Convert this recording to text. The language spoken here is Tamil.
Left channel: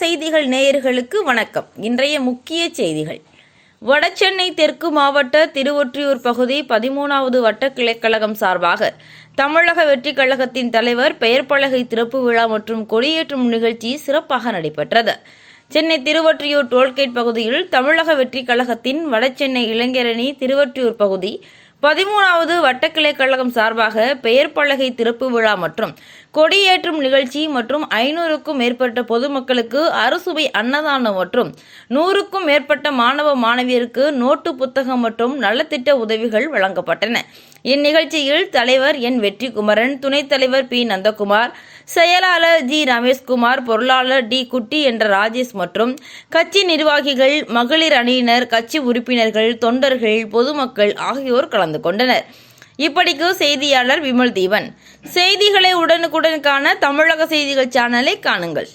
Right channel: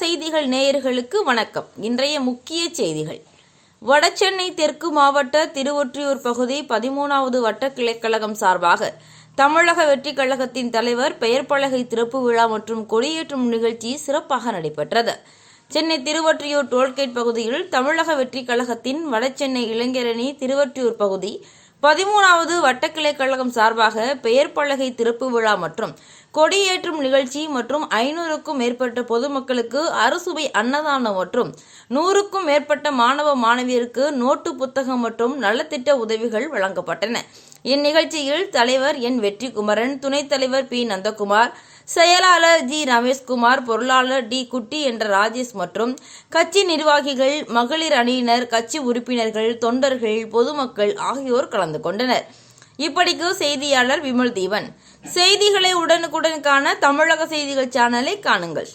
செய்திகள் நேயர்களுக்கு வணக்கம். இன்றைய முக்கிய செய்திகள். வடசென்னை தெற்கு மாவட்ட திருவொற்றியூர் பகுதி பதிமூணாவது வட்ட கிளைக்கழகம் சார்பாக தமிழக வெற்றிக் கழகத்தின் தலைவர் பெயர் பலகை திறப்பு விழா மற்றும் கொடியேற்றும் நிகழ்ச்சி சிறப்பாக நடைபெற்றது. சென்னை திருவொற்றியூர் டோல்கேட் பகுதியில் தமிழக வெற்றிக் கழகத்தின் வடசென்னை இளைஞரணி திருவொற்றியூர் பகுதி பதிமூணாவது வட்டக்கிளை கழகம் சார்பாக பெயர் பலகை திறப்பு விழா மற்றும் கொடியேற்றும் நிகழ்ச்சி மற்றும் ஐநூறுக்கும் மேற்பட்ட பொதுமக்களுக்கு அறுசுவை அன்னதானம் மற்றும் நூறுக்கும் மேற்பட்ட மாணவ மாணவியருக்கு நோட்டு புத்தகம் மற்றும் நலத்திட்ட உதவிகள் வழங்கப்பட்டன. இந்நிகழ்ச்சியில் தலைவர் என் வெற்றிக்குமரன் துணைத் தலைவர் பி. நந்தகுமார் செயலாளர் ஜி ரமேஷ்குமார் பொருளாளர் டி குட்டி என்ற ராஜேஷ் மற்றும் கட்சி நிர்வாகிகள் மகளிர் அணியினர் கட்சி உறுப்பினர்கள் தொண்டர்கள் பொதுமக்கள் ஆகியோர் கலந்து கொண்டனர். இப்படிக்கு செய்தியாளர் விமல் தீவன் செய்திகளை உடனுக்குடன் காண தமிழக செய்திகள் சேனலை காணுங்கள்.